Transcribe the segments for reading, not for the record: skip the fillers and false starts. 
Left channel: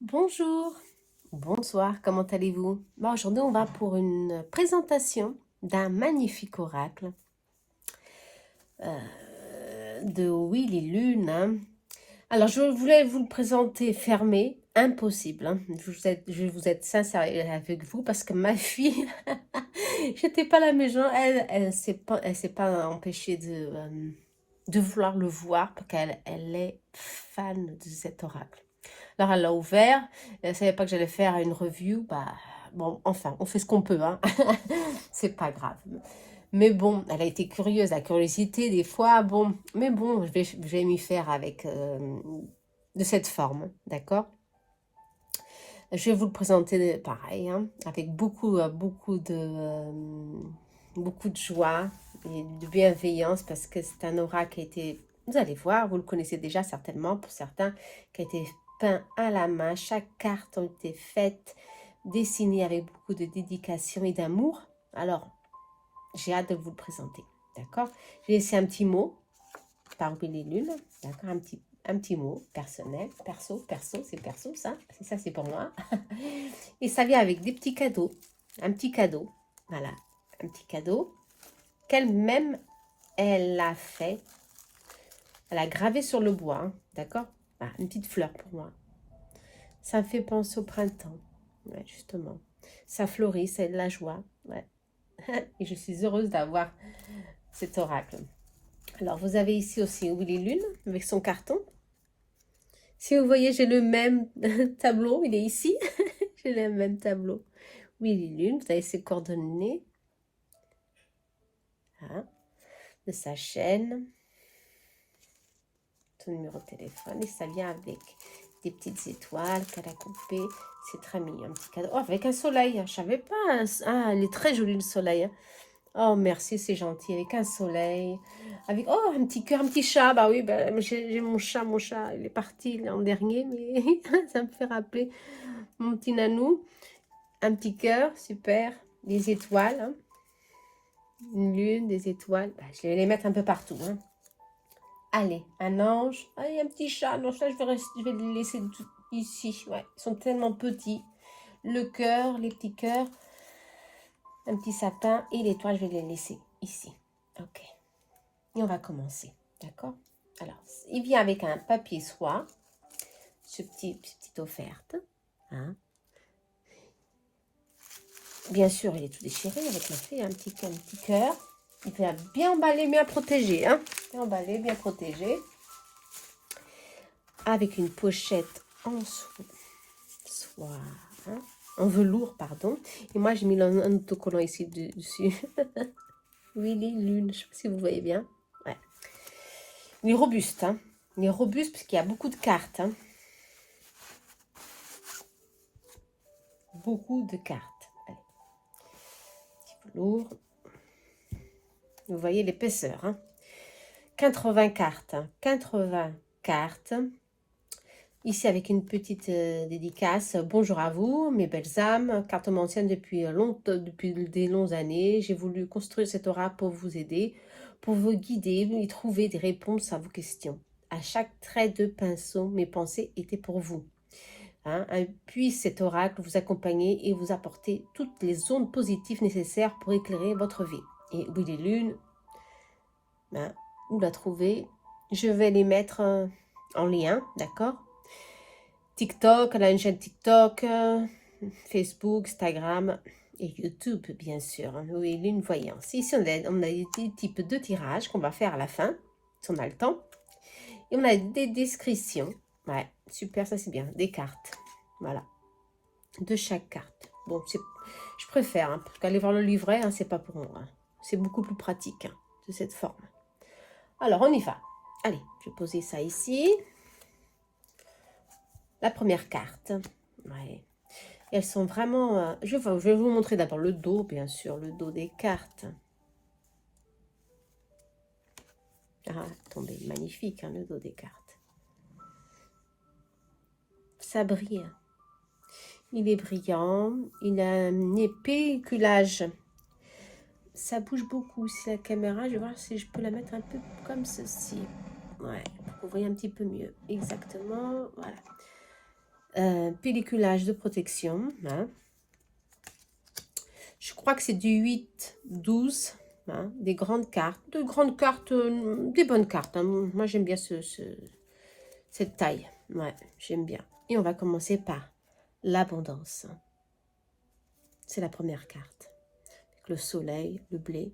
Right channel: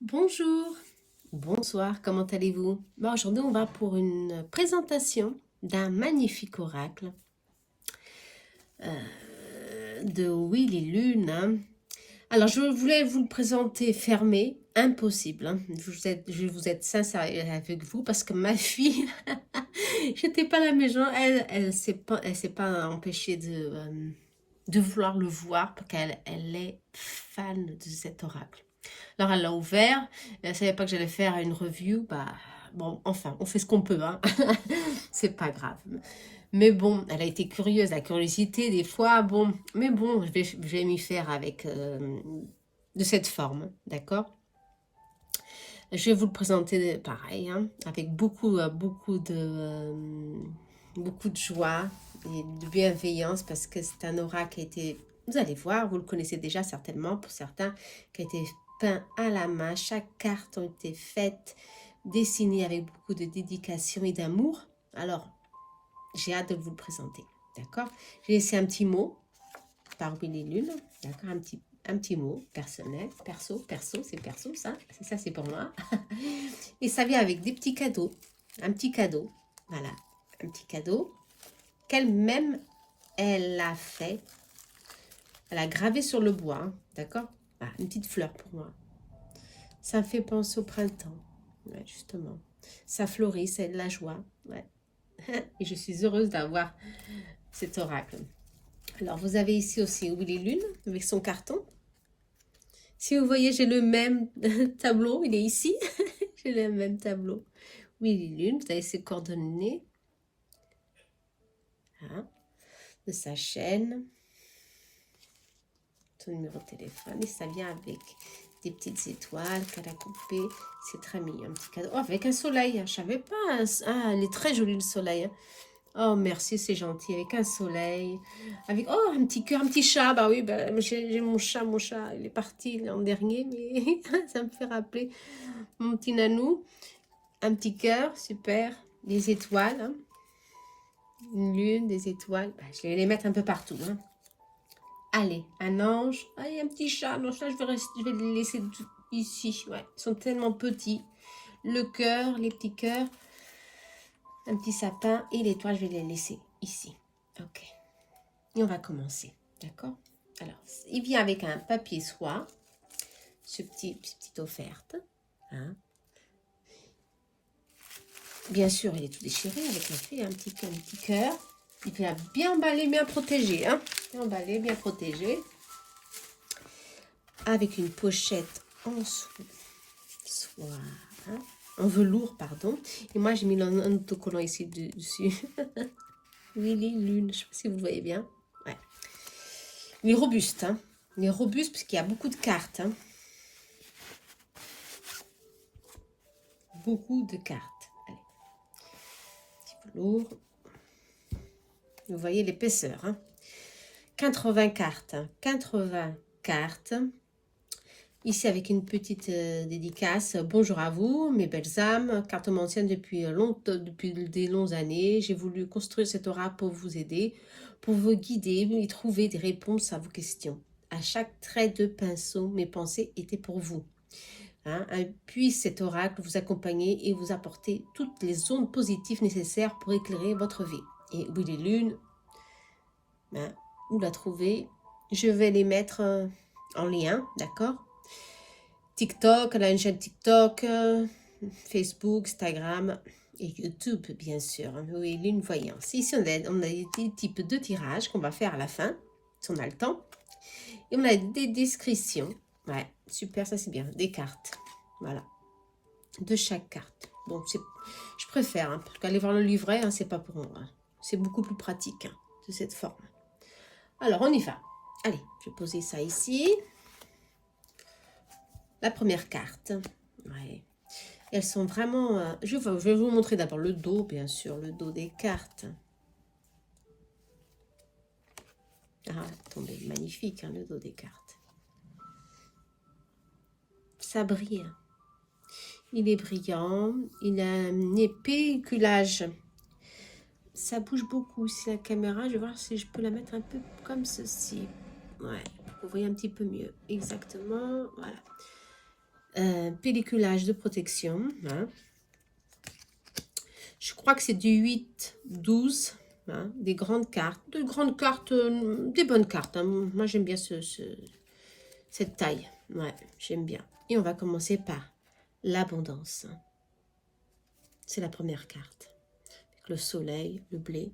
Bonjour, bonsoir, comment allez-vous? Bon, aujourd'hui, on va pour une présentation d'un magnifique oracle de Willy Lune, hein. Alors, je voulais vous le présenter fermé, impossible, hein. Je vais vous être sincère avec vous parce que ma fille, j'étais pas à la maison, elle s'est pas empêchée de vouloir le voir parce qu'elle est fan de cet oracle. Alors elle l'a ouvert, elle savait pas que j'allais faire une review, bah bon, enfin, on fait ce qu'on peut, hein. C'est pas grave. Mais bon, elle a été curieuse, la curiosité des fois, bon, mais bon, je vais m'y faire avec de cette forme, d'accord? Je vais vous le présenter pareil, hein, avec beaucoup de joie et de bienveillance parce que c'est un aura qui a été, vous allez voir, vous le connaissez déjà certainement pour certains, qui a été peint à la main. Chaque carte a été faite, dessinée avec beaucoup de dédication et d'amour. Alors, j'ai hâte de vous le présenter, d'accord? J'ai laissé un petit mot parmi les lunes, d'accord? Un petit mot personnel, perso, c'est perso ça, c'est pour moi. Et ça vient avec des petits cadeaux, un petit cadeau, voilà, un petit cadeau qu'elle-même, elle a fait, elle a gravé sur le bois, hein, d'accord? Voilà, une petite fleur pour moi. Ça me fait penser au printemps, ouais, justement. Ça fleurit, c'est de la joie, ouais. Et je suis heureuse d'avoir cet oracle. Alors, vous avez ici aussi Willy Lune avec son carton. Si vous voyez, j'ai le même tableau, il est ici. J'ai le même tableau. Willy Lune, vous avez ses coordonnées, hein, de sa chaîne, son numéro de téléphone, et ça vient avec des petites étoiles qu'elle a coupées. C'est très mignon, un petit cadeau. Oh, avec un soleil, je savais pas. Ah, elle est très jolie le soleil, hein. Oh, merci, c'est gentil. Avec un soleil. Avec, oh, un petit cœur, un petit chat. Bah oui, bah, j'ai mon chat, il est parti l'an dernier, mais ça me fait rappeler mon petit nanou. Un petit cœur, super. Des étoiles, hein. Une lune, des étoiles. Bah, je vais les mettre un peu partout, hein. Allez, un ange. Allez, un petit chat. Non, ça, je vais le laisser ici. Ouais, ils sont tellement petits. Le cœur, les petits cœurs. Un petit sapin et l'étoile, je vais les laisser ici. Ok. Et on va commencer, d'accord? Alors, il vient avec un papier soie, petite offerte, hein. Bien sûr, il est tout déchiré avec un petit cœur. Il fait bien emballé, bien protégé, hein. Bien emballé, bien protégé. Avec une pochette en soie, hein, en velours, pardon. Et moi, j'ai mis un autocollant ici dessus. Willy Lune, je ne sais pas si vous voyez bien. Ouais. Il est robuste, hein. Il est robuste puisqu'il y a beaucoup de cartes, hein. Beaucoup de cartes. Allez. Un petit peu lourd. Vous voyez l'épaisseur, hein. 80 cartes. 80 cartes. Ici avec une petite dédicace. Bonjour à vous, mes belles âmes. Carte ancienne depuis des longues années. J'ai voulu construire cet aura pour vous aider, pour vous guider et trouver des réponses à vos questions. À chaque trait de pinceau, mes pensées étaient pour vous. Hein, puisse cet oracle vous accompagner et vous apporter toutes les ondes positives nécessaires pour éclairer votre vie. Et oui, les lunes, ben, où la trouver? Je vais les mettre en lien, d'accord? TikTok, elle a une chaîne TikTok, Facebook, Instagram et YouTube, bien sûr. Oui, lune voyance. Ici, on a des types de tirages qu'on va faire à la fin, si on a le temps. Et on a des descriptions. Ouais, super, ça c'est bien. Des cartes. Voilà. De chaque carte. Bon, je préfère, hein, parce qu'aller voir le livret, hein, c'est pas pour moi, hein. C'est beaucoup plus pratique, hein, de cette forme. Alors, on y va. Allez, je vais poser ça ici. La première carte. Ouais. Elles sont vraiment... je vais vous montrer d'abord le dos, bien sûr, le dos des cartes. Ah, attendez, magnifique, hein, le dos des cartes. Ça brille. Il est brillant. Il a un épais culage. Ça bouge beaucoup aussi la caméra. Je vais voir si je peux la mettre un peu comme ceci. Ouais, pour que vous voyez un petit peu mieux. Exactement, voilà. Pelliculage de protection. Hein. Je crois que c'est du 8, 12. Hein, des grandes cartes. De grandes cartes, des bonnes cartes. Hein. Moi, j'aime bien cette taille. Ouais, j'aime bien. Et on va commencer par l'abondance. C'est la première carte. Le soleil, le blé.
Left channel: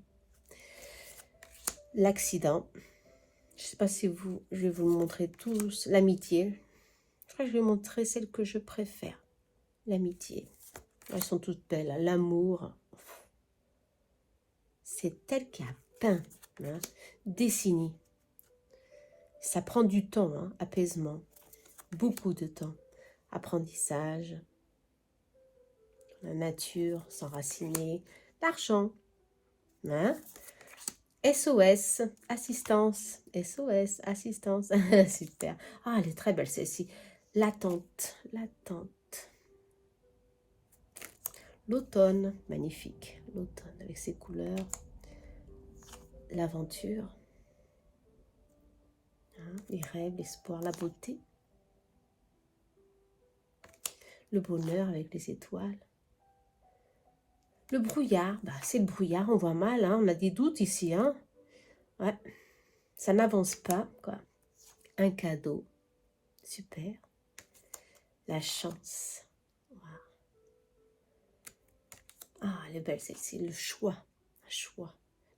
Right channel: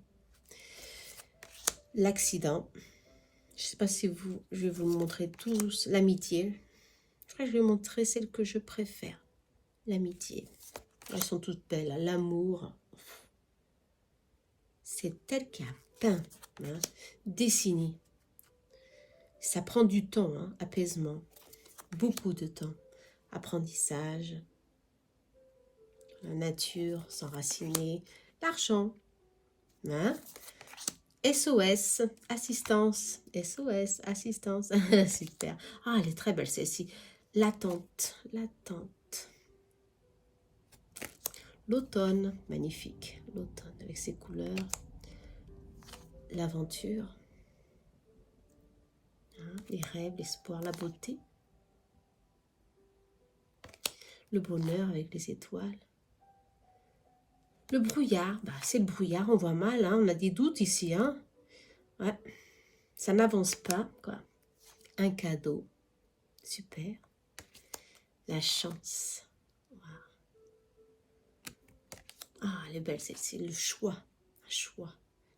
L'accident. Je ne sais pas si je vais vous montrer tous. L'amitié. Je crois que je vais montrer celle que je préfère. L'amitié. Elles sont toutes belles. L'amour. C'est elle qui a peint. Hein. Dessiné. Ça prend du temps. Hein. Apaisement. Beaucoup de temps. Apprentissage. La nature. S'enraciner. L'argent. Hein. SOS, assistance, SOS, assistance, super. Ah, elle est très belle celle-ci. L'attente, l'attente. L'automne, magnifique. L'automne avec ses couleurs. L'aventure. Hein, les rêves, l'espoir, la beauté. Le bonheur avec les étoiles. Le brouillard, bah, c'est le brouillard, on voit mal, hein, on a des doutes ici. Hein. Ouais, ça n'avance pas, quoi. Un cadeau, super. La chance. Wow. Ah, elle est belle celle-ci, le choix.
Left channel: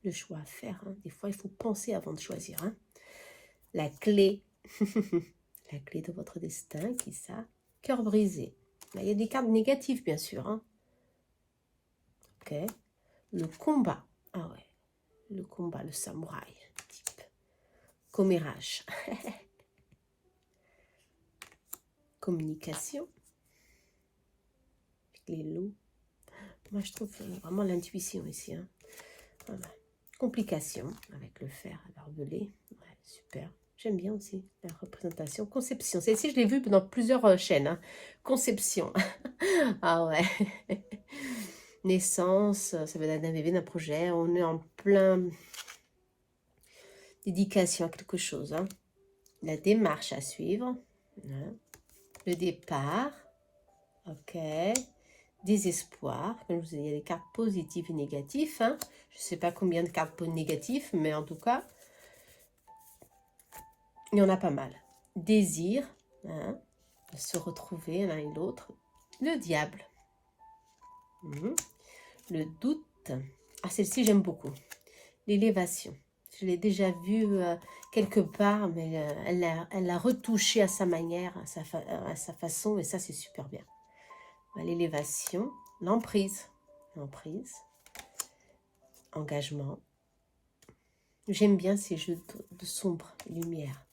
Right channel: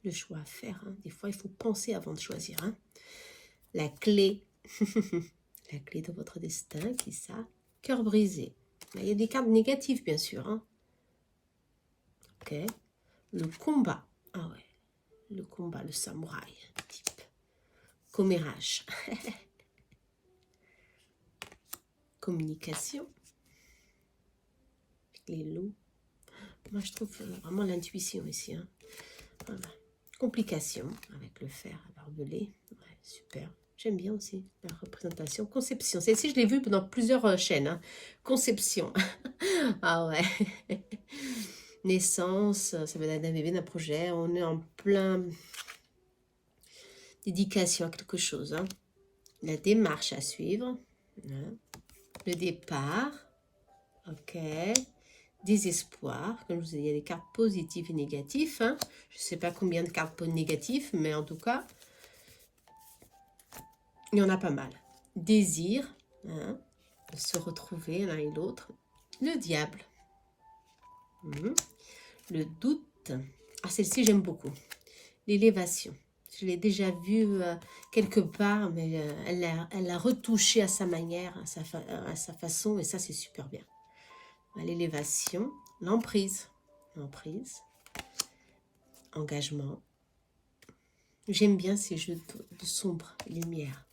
Le choix à faire. Hein. Des fois, il faut penser avant de choisir. Hein. La clé. La clé de votre destin, qui est ça? Cœur brisé. Là, il y a des cartes négatives, bien sûr. Hein. Ok. Le combat. Ah ouais. Le combat, le samouraï. Type. Commérage. Communication. Les loups. Moi, je trouve vraiment l'intuition ici. Hein. Voilà. Complication avec le fer à barbelé. Ouais, super. J'aime bien aussi la représentation. Conception. Celle-ci, je l'ai vue dans plusieurs chaînes. Hein. Conception. Ah ouais. Naissance, ça va être d'un bébé, d'un projet. On est en plein dédication à quelque chose. Hein. La démarche à suivre. Hein. Le départ. Ok. Désespoir. Comme je vous ai dit, il y a des cartes positives et négatives. Hein. Je ne sais pas combien de cartes négatives, mais en tout cas, il y en a pas mal. Désir. Hein. Se retrouver l'un et l'autre. Le diable. Le doute. Ah, celle-ci, j'aime beaucoup. L'élévation. Je l'ai déjà vue quelque part, mais elle l'a retouchée à sa manière, à sa façon, et ça, c'est super bien. L'élévation. L'emprise. L'emprise. Engagement. J'aime bien ces jeux de sombre, lumière.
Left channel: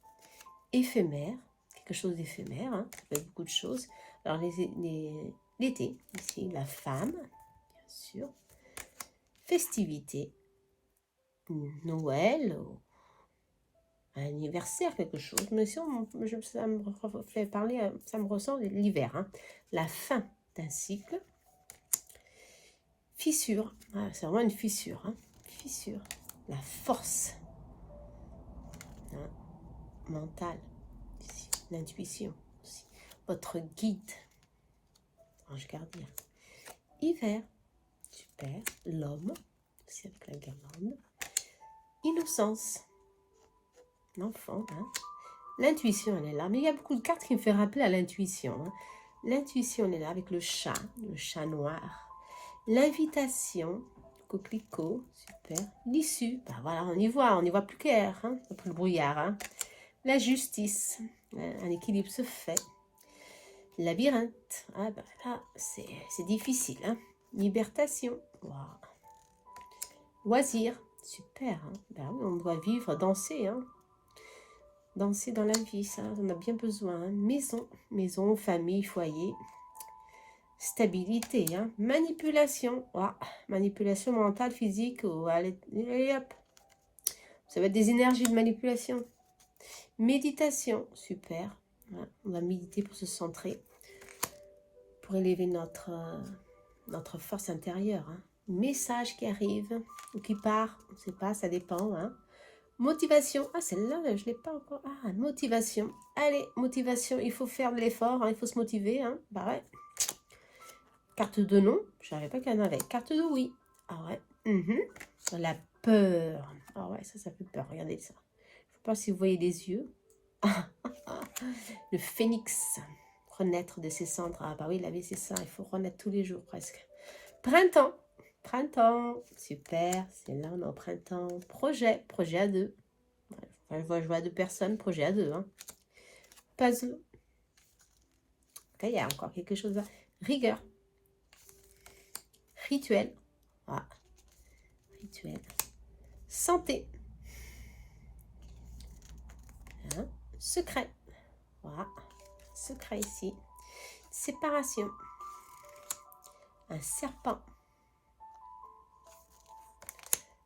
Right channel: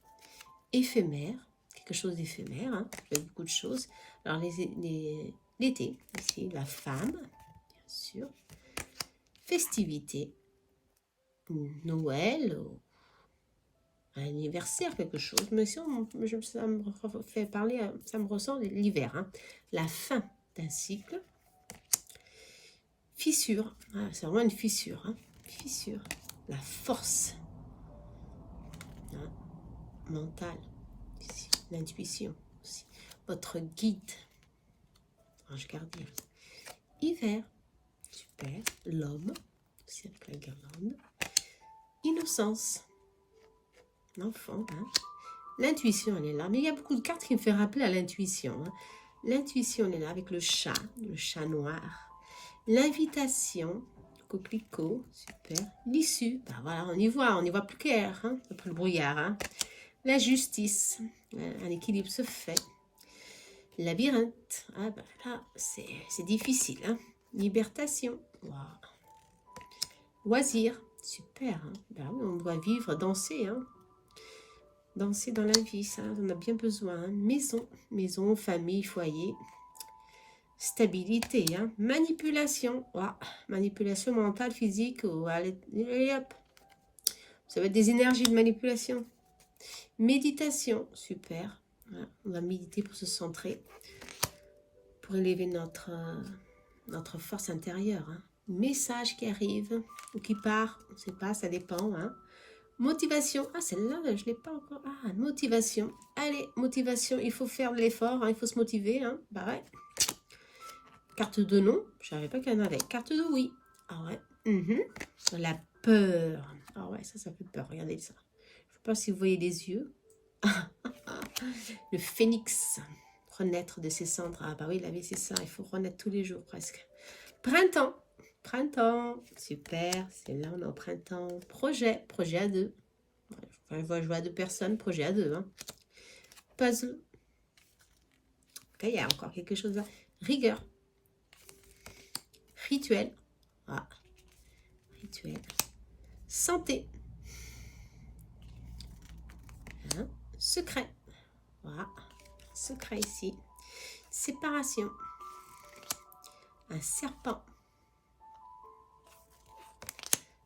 Éphémère. Quelque chose d'éphémère. Hein. Il y a beaucoup de choses. Alors, l'été, ici, la femme, bien sûr. Festivité. Noël, anniversaire, quelque chose. Mais si ça me fait parler, ça me ressent l'hiver. Hein. La fin d'un cycle. Fissure. Ah, c'est vraiment une fissure. Hein. Fissure. La force. Hein. Mentale. L'intuition aussi. Votre guide. Ange gardien. Hiver. Super. L'homme. Aussi avec la guirlande. Innocence. L'enfant. Hein. L'intuition, elle est là. Mais il y a beaucoup de cartes qui me font rappeler à l'intuition. Hein. L'intuition, elle est là avec le chat noir. L'invitation, coquelicot, super. L'issue, ben voilà, on y voit plus clair, hein, après le brouillard. Hein. La justice, un équilibre se fait. Labyrinthe, ah ben là, c'est difficile. Hein. Libertation, wow. Loisir, super. Hein. Ben oui, on doit vivre, danser. Hein. Danser dans la vie, ça, on a bien besoin. Hein. Maison, famille, foyer. Stabilité, hein. Manipulation. Oh, manipulation mentale, physique. Oh, allez, hop. Ça va être des énergies de manipulation. Méditation, super. Voilà. On va méditer pour se centrer. Pour élever notre force intérieure. Hein. Message qui arrive ou qui part, on ne sait pas, ça dépend. Hein. Motivation. Ah, celle-là, je ne l'ai pas encore. Ah, motivation. Allez, motivation. Il faut faire de l'effort. Hein, il faut se motiver. Hein. Bah ouais. Carte de non. Je savais pas qu'il y en avait. Carte de oui. Ah ouais. La peur. Ah ouais, ça fait peur. Regardez ça. Je ne sais pas si vous voyez les yeux. Le phénix. Renaître de ses cendres. Ah bah oui, la vie, c'est ça. Il faut renaître tous les jours presque. Printemps. Printemps. Super. C'est là, on est au printemps. Projet. Projet à deux. Enfin, je vois deux personnes. Projet à deux. Hein. Puzzle. Ok, il y a encore quelque chose là. Rigueur. Rituel. Ah. Rituel. Santé. Hein. Secret. Voilà. Secret ici. Séparation. Un serpent.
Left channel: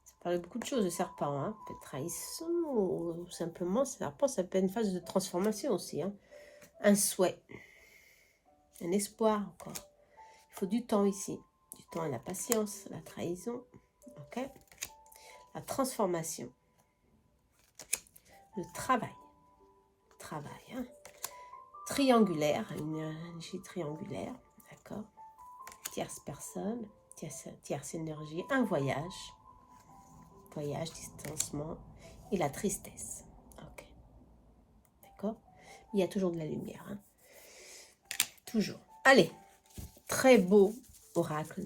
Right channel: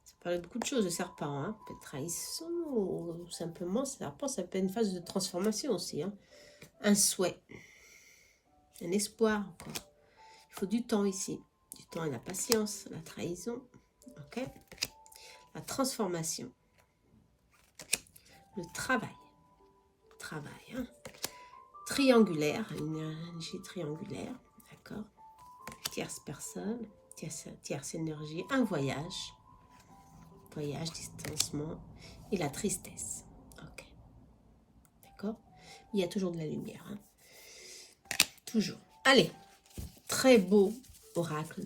Ça parle beaucoup de choses, le serpent. Hein. Un peu de trahison, ou simplement, serpent, ça peut être une phase de transformation aussi. Hein. Un souhait. Un espoir encore. Il faut du temps ici. Du temps à la patience, la trahison. Ok. La transformation. Le travail. Travail. Hein. Triangulaire. Une énergie triangulaire. D'accord. Tierce personne. Tierce énergie. Un voyage. Voyage, distancement. Et la tristesse. Ok. D'accord. Il y a toujours de la lumière. Hein. Toujours. Allez. Très beau oracle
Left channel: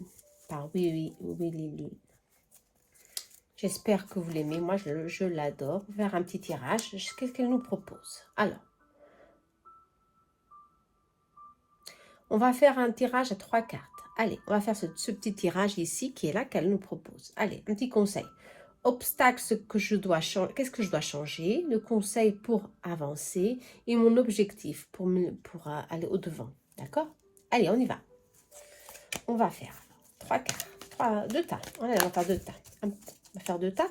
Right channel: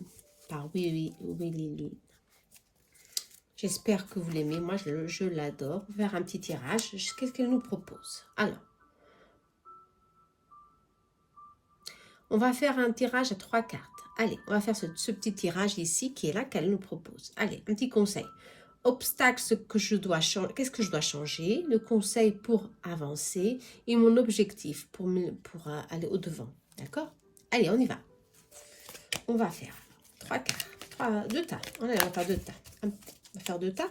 par Willy Lune. J'espère que vous l'aimez. Moi, je l'adore. On va faire un petit tirage. Qu'est-ce qu'elle nous propose? Alors, on va faire un tirage à 3 cartes. Allez, on va faire ce petit tirage ici qui est là qu'elle nous propose. Allez, un petit conseil. Obstacle, ce que je dois changer. Qu'est-ce que je dois changer? Le conseil pour avancer et mon objectif pour aller au-devant. D'accord? Allez, on y va. On va faire 3 cartes. 2 tas. Allez, on va faire 2 tas. On va faire 2 tas.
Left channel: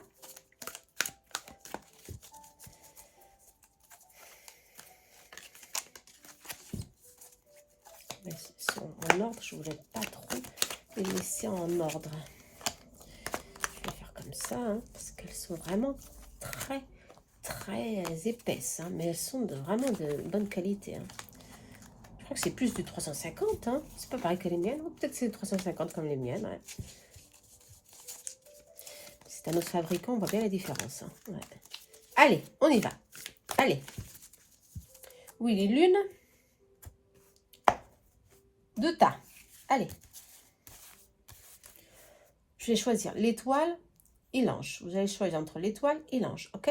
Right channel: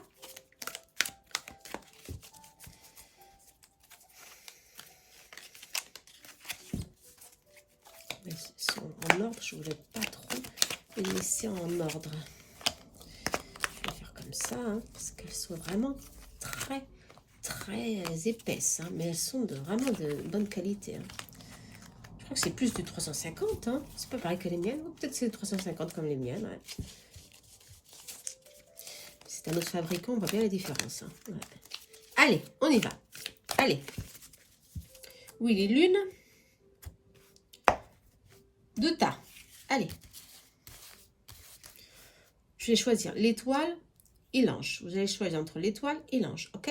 Ils sont en ordre. Je ne voulais pas trop les laisser en ordre. Je vais faire comme ça, hein, parce qu'elles sont vraiment très épaisses. Hein, mais elles sont vraiment de bonne qualité. Hein. Je crois que c'est plus du 350. Hein. C'est pas pareil que les miennes. Peut-être c'est 350 comme les miennes. Ouais. C'est un autre fabricant, on voit bien la différence. Hein. Ouais. Allez, on y va. Allez. Willy Lune. 2 tas. Allez. Je vais choisir l'étoile et l'ange. Vous allez choisir entre l'étoile et l'ange. Ok?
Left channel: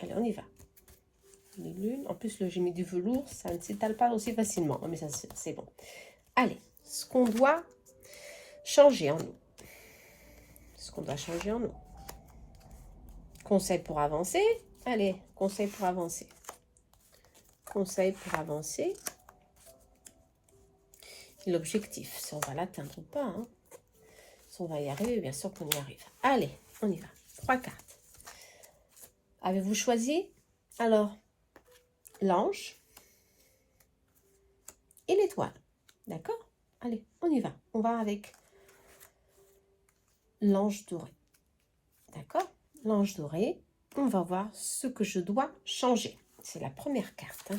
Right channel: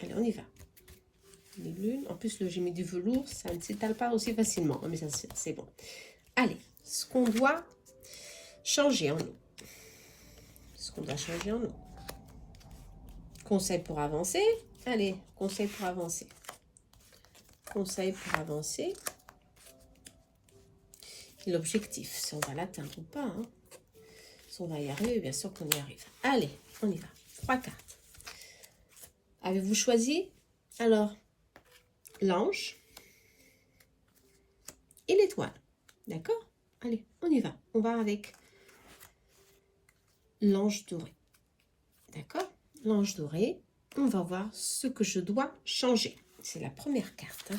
Allez, on y va. Les lunes. En plus, j'ai mis du velours. Ça ne s'étale pas aussi facilement. Mais ça, c'est bon. Allez. Ce qu'on doit changer en nous. Ce qu'on doit changer en nous. Conseil pour avancer. Allez, conseil pour avancer. Conseil pour avancer. L'objectif, si on va l'atteindre ou pas. Hein. Si on va y arriver, bien sûr qu'on y arrive. Allez, on y va. 3 cartes. Avez-vous choisi? Alors, l'ange et l'étoile. D'accord? Allez, on y va. On va avec l'ange doré. D'accord? L'ange doré. On va voir ce que je dois changer. C'est la première carte. Hein.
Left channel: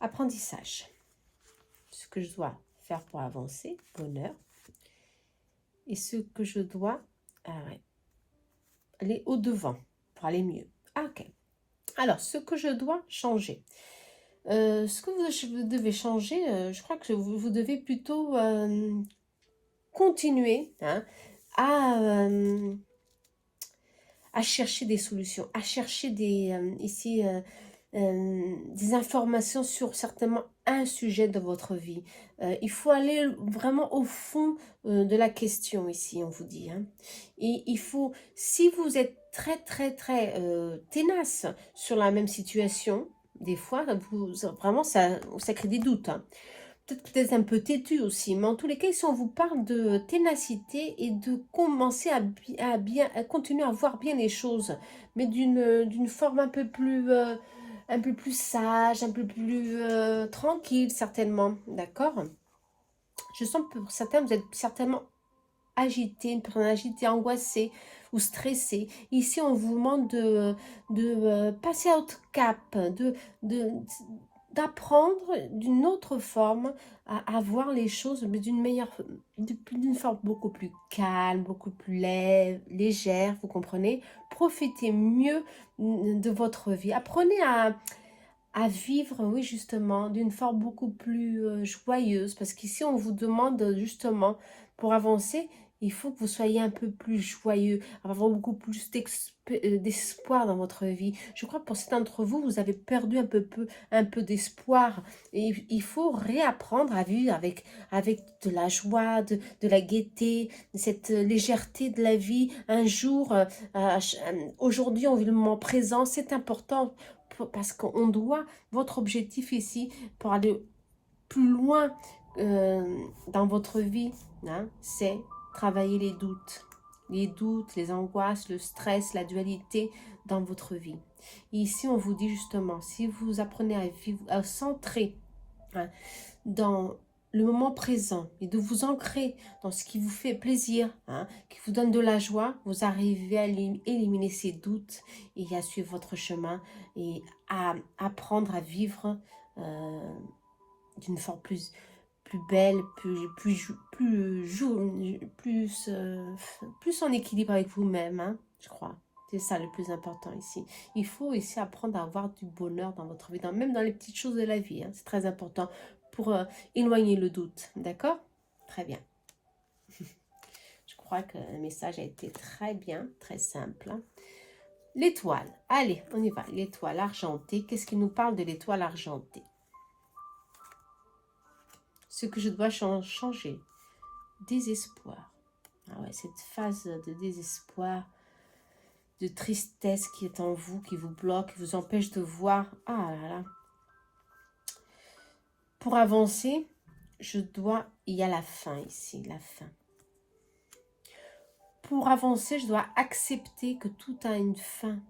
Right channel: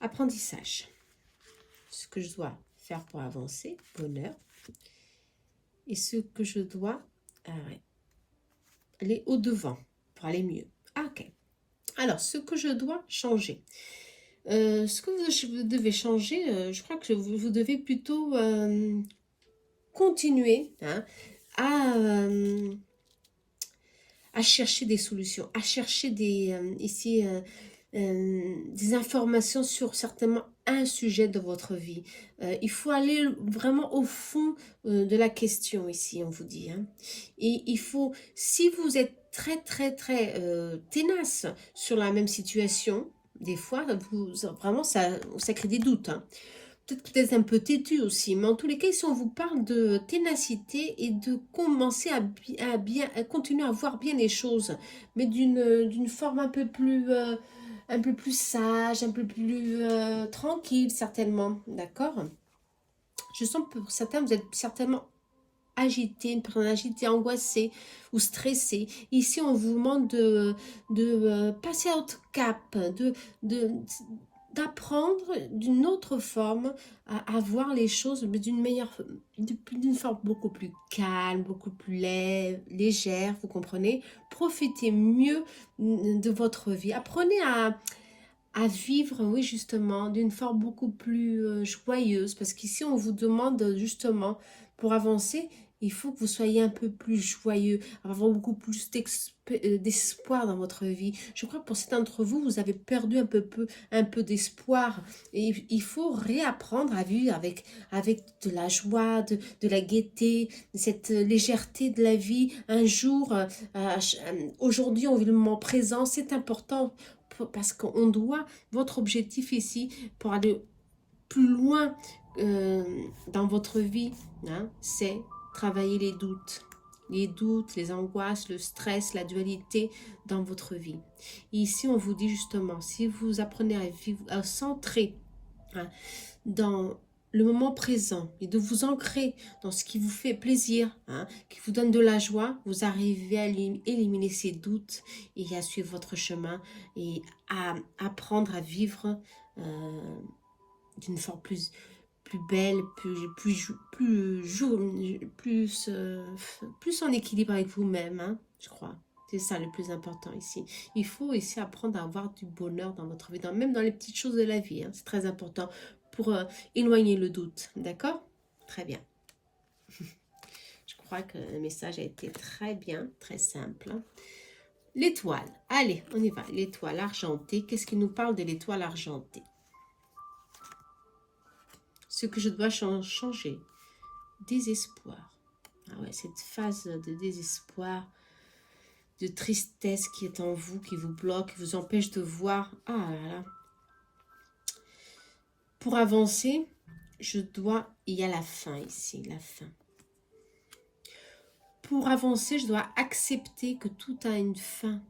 Apprentissage. Ce que je dois faire pour avancer. Bonheur. Et ce que je dois aller au-devant pour aller mieux. Ah, ok. Alors, ce que je dois changer. Ce que vous devez changer, je crois que vous devez plutôt continuer hein, à chercher des solutions, à chercher des informations sur certainement un sujet de votre vie. Il faut aller vraiment au fond de la question ici, on vous dit. Hein. Et il faut, si vous êtes très ténace sur la même situation, des fois, vraiment, ça crée des doutes. Hein. Peut-être un peu têtu aussi, mais en tous les cas, si on vous parle de ténacité et de commencer à continuer à voir bien les choses, mais d'une forme un peu plus sage, un peu plus tranquille, certainement, d'accord? Je sens que pour certains, vous êtes certainement agitée, une personne agitée, angoissée ou stressée. Ici, on vous demande de passer à autre cap, de, d'apprendre d'une autre forme à voir les choses d'une forme beaucoup plus calme, beaucoup plus légère, vous comprenez? Profitez mieux de votre vie. Apprenez à vivre, oui, justement, d'une forme beaucoup plus joyeuse. Parce qu'ici, on vous demande justement, pour avancer, il faut que vous soyez un peu plus joyeux, avoir beaucoup plus d'espoir dans votre vie. Je crois que pour certains d'entre vous, vous avez perdu un peu d'espoir. Et il faut réapprendre à vivre avec de la joie, de la gaieté, de cette légèreté de la vie. Un jour, aujourd'hui, on vit le moment présent, c'est important parce qu'on doit, votre objectif ici, pour aller plus loin dans votre vie, hein, c'est travailler les doutes, les angoisses, le stress, la dualité dans votre vie. Et ici, on vous dit justement, si vous apprenez à vivre, à centrer hein, dans le moment présent et de vous ancrer dans ce qui vous fait plaisir, hein, qui vous donne de la joie, vous arrivez à éliminer ces doutes et à suivre votre chemin et à apprendre à vivre d'une forme plus belle, plus en équilibre avec vous-même, hein, je crois. C'est ça le plus important ici. Il faut ici apprendre à avoir du bonheur dans votre vie, même dans les petites choses de la vie. Hein, c'est très important pour éloigner le doute. D'accord? Très bien. Je crois que le message a été très bien, très simple. Hein. L'étoile. Allez, on y va. L'étoile argentée. Qu'est-ce qui nous parle de l'étoile argentée? Ce que je dois changer. Désespoir. Ah ouais, cette phase de désespoir, de tristesse qui est en vous, qui vous bloque, qui vous empêche de voir. Ah là là. Pour avancer, il y a la fin ici, la fin. Pour avancer, je dois accepter que tout a une fin.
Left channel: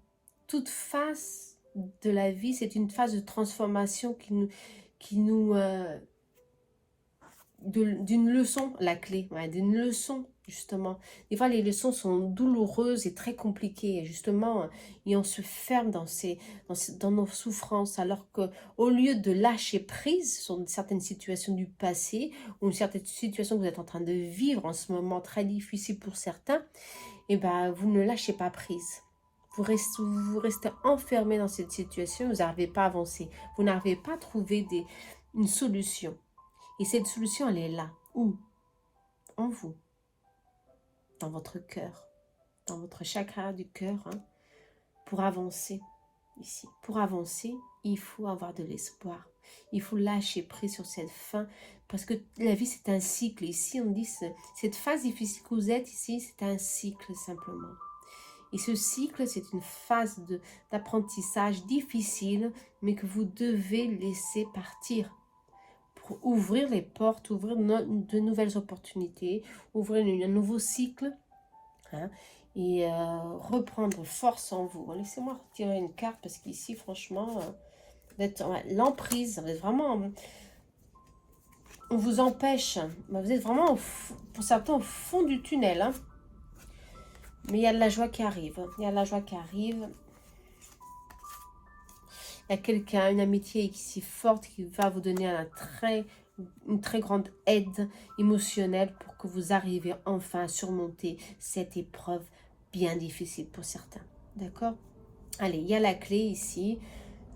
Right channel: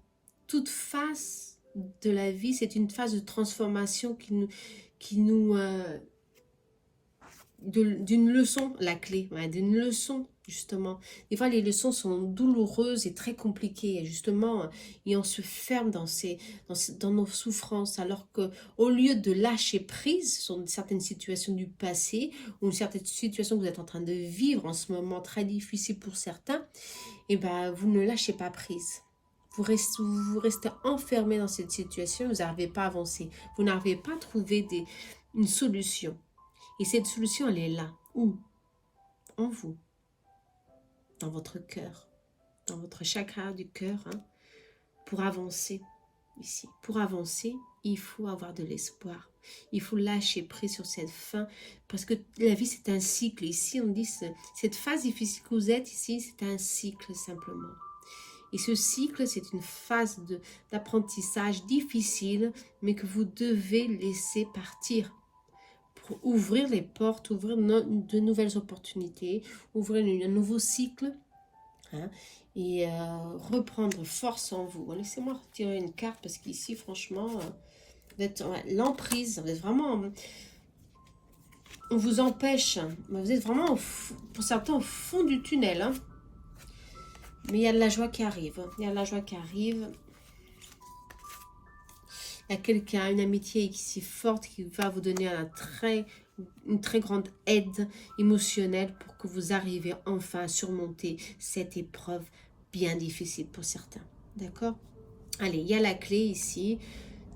Toute phase de la vie, c'est une phase de transformation d'une leçon, la clé, ouais, d'une leçon, justement. Des fois, les leçons sont douloureuses et très compliquées, justement, et on se ferme dans nos souffrances, alors que au lieu de lâcher prise sur certaines situations du passé, ou une certaine situation que vous êtes en train de vivre en ce moment très difficile pour certains, et ben, vous ne lâchez pas prise. Vous restez enfermé dans cette situation, vous n'arrivez pas à avancer, vous n'arrivez pas à trouver une solution. Et cette solution, elle est là. Où? En vous. Dans votre cœur. Dans votre chakra du cœur. Hein, pour avancer ici. Pour avancer, il faut avoir de l'espoir. Il faut lâcher prise sur cette fin. Parce que la vie, c'est un cycle. Ici, on dit, cette phase difficile que vous êtes ici, c'est un cycle simplement. Et ce cycle, c'est une phase d'apprentissage difficile, mais que vous devez laisser partir. Pour ouvrir les portes, ouvrir de nouvelles opportunités, ouvrir un nouveau cycle hein, et reprendre force en vous. Laissez-moi retirer une carte parce qu'ici, franchement, l'emprise, vous êtes vraiment... On vous empêche, vous êtes vraiment, pour certains, au fond du tunnel. Hein. Mais il y a de la joie qui arrive. Il y a de la joie qui arrive. Il y a quelqu'un, une amitié ici forte qui va vous donner une très grande aide émotionnelle pour que vous arriviez enfin à surmonter cette épreuve bien difficile pour certains. D'accord? Allez, il y a la clé ici.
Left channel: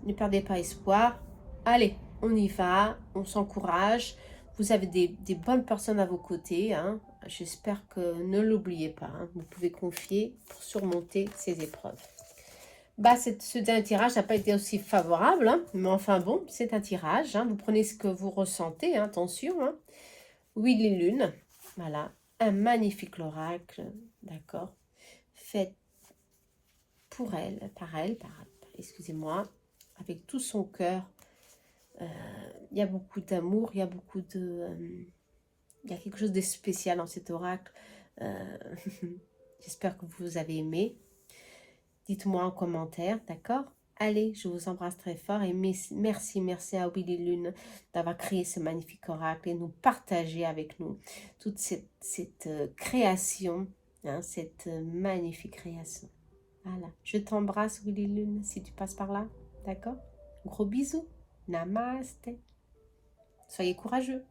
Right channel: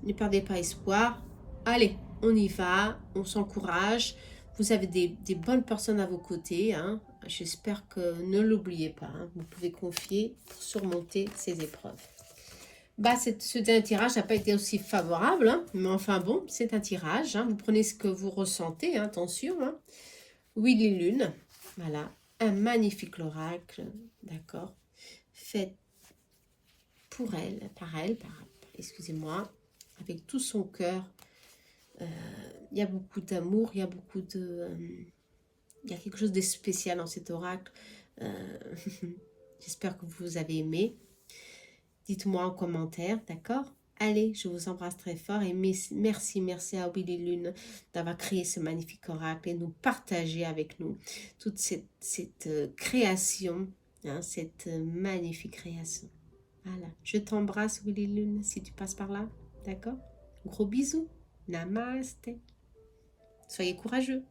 Ne perdez pas espoir. Allez, on y va. On s'encourage. Vous avez des bonnes personnes à vos côtés. Hein. J'espère que ne l'oubliez pas. Hein. Vous pouvez confier pour surmonter ces épreuves. Bah, ce dernier tirage n'a pas été aussi favorable, hein, mais enfin bon, c'est un tirage. Hein, vous prenez ce que vous ressentez, hein, attention. Hein. Oui, les lunes, voilà, un magnifique oracle, d'accord, fait pour elle, excusez-moi, avec tout son cœur. Il y a beaucoup d'amour, il y a beaucoup de... il y a quelque chose de spécial dans cet oracle. J'espère que vous avez aimé. Dites-moi en commentaire, d'accord? Allez, je vous embrasse très fort et merci, merci à Willy Lune d'avoir créé ce magnifique oracle et nous partager avec nous toute cette création, hein, cette magnifique création. Voilà, je t'embrasse Willy Lune si tu passes par là, d'accord? Gros bisous, namaste, soyez courageux.